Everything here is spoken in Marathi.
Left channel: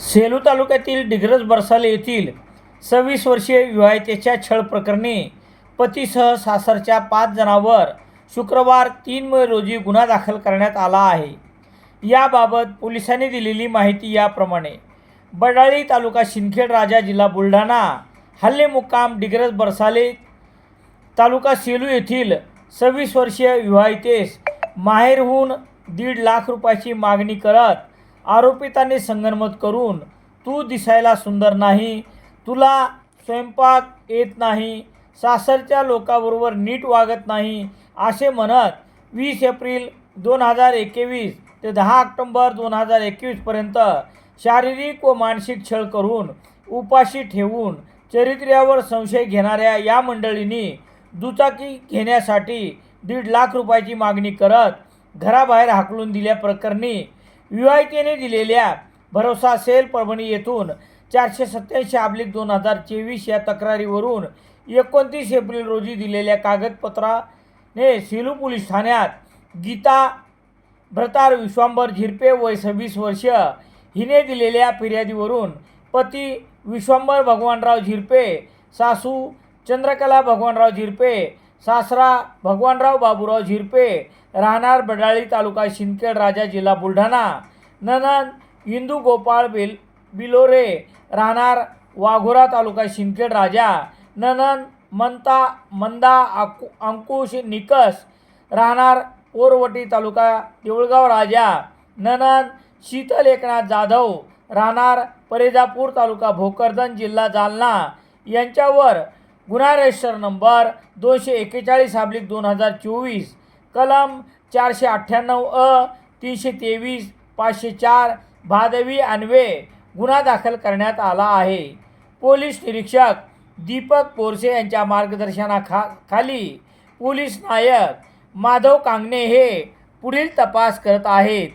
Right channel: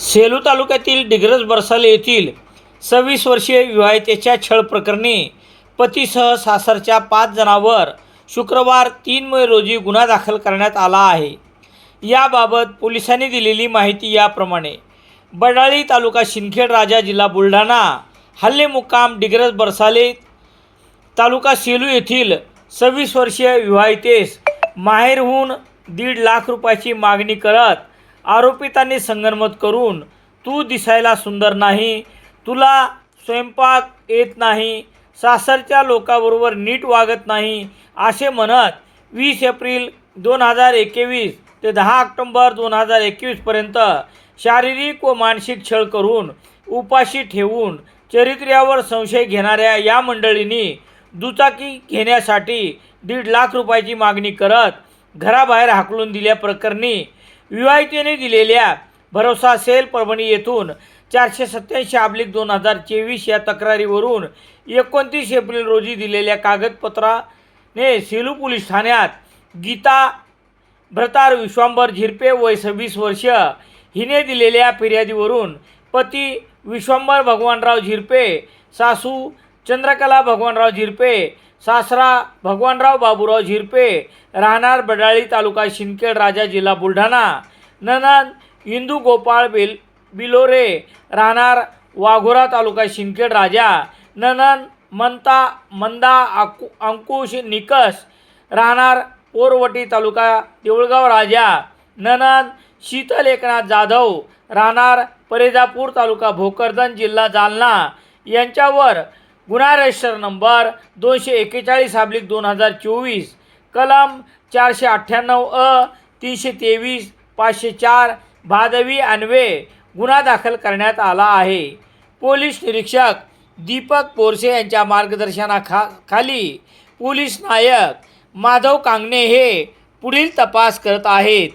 सेलू तालुक्यातील डिग्रज बरसाले येथील सव्वीस वर्षीय विवाहितेच्या छळ प्रकरणी पतीसह सासरच्या पाच जणांवर शुक्रवार तीन मे रोजी गुन्हा दाखल करण्यात आला आहे. याबाबत पोलिसांनी दिलेली माहिती याप्रमाणे बडाळी तालुका शिंदखेड राजा जिल्हा बुलढाणा हल्ले मुक्काम डिग्रज बरसाले तालुका सेलू येथील सव्वीस वर्षीय विवाहितेस माहेरहून दीड लाख रुपयाची मागणी करत आरोपितांनी संगनमत करून तू दिसायला सुंदर नाही तुला स्वयंपाक येत नाही सासरच्या लोकांबरोबर नीट वागत नाही असे म्हणत वीस एप्रिल दोन हजार एकवीस ते दहा ऑक्टोंबर दोन हजार एकवीसपर्यंत शारीरिक व मानसिक छळ करून उपाशी ठेवून चरित्र्यावर संशय घेणाऱ्या या मंडळींनी दुचाकी घेण्यासाठी दीड लाख रुपयाची मागणी करत घराबाहेर हाकलून दिल्याप्रकरणी विवाहितेने दिलेल्या भरोसा सेल परभणी येथून चारशे सत्याऐंशी अब्लिक दोन हजार चोवीस या तक्रारीवरून एकोणतीस एप्रिल रोजी दिलेल्या कागदपत्राने सेलू पोलीस ठाण्यात गीता भ्रतार विश्वांबर झिरपे वय सव्वीस वर्ष हिने दिलेल्या फिर्यादीवरून पती विश्वांबर भगवानराव झिरपे सासू चंद्रकला भगवानराव झिरपे सासरा भगवानराव बाबूराव झिरपे राहणार बडाळी तालुका शिंदखेड राजा जिल्हा बुलढाणा. ननंद इंदू गोपाळ बेल बिलोरे राहणार वाघोरा तालुका शिंदखेड राजा. ननंद मंता मंदा आकु अंकुश निकस राहणार पोरवटी तालुका देऊळगाव राजा. ननंद शीतल एकनाथ जाधव राहणार परेजापूर तालुका भोकरदन जिल्हा जालना. यांच्यावर गुन्हा रजिस्टर नंबर दोनशे एकेचाळीस हाब्लिक दोन हजार चोवीस. कलम चारशे अठ्ठ्याण्णव अ तीनशे तेवीस पाचशे चार भादवी अन्वे गुन्हा दाखल करण्यात आला आहे. पोलीस निरीक्षक दीपक पोरसे यांच्या मार्गदर्शनाखा खाली पोलीस नायक माधव कांगणे हे पुढील तपास करत आहेत.